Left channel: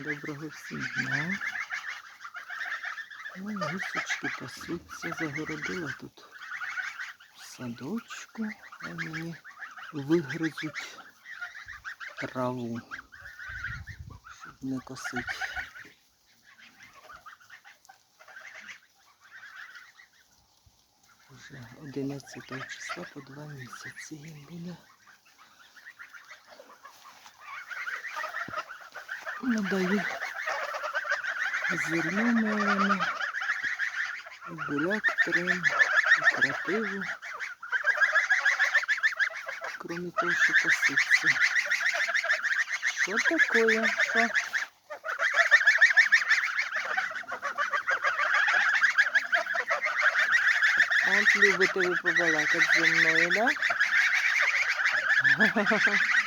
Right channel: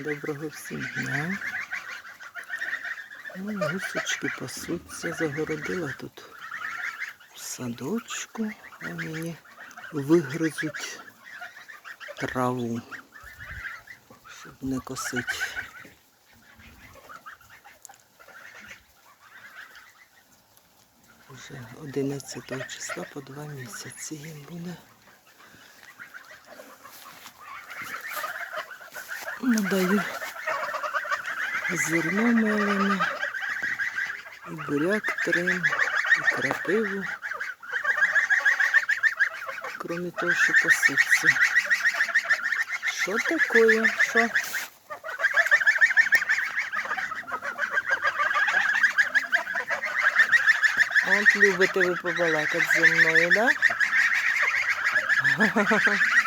Доброго всім дня. Мої гусочки пасуться, загородила тут садочку, а мені вигризуть траву, щоб не косити. Уже 11 числа по два місяці їм буде. Надаю зерно мелене, і буряк трем, і крапиву. Кроме того, що пасуться. Що таке? Що? От любите ви побалакати зі мною, да?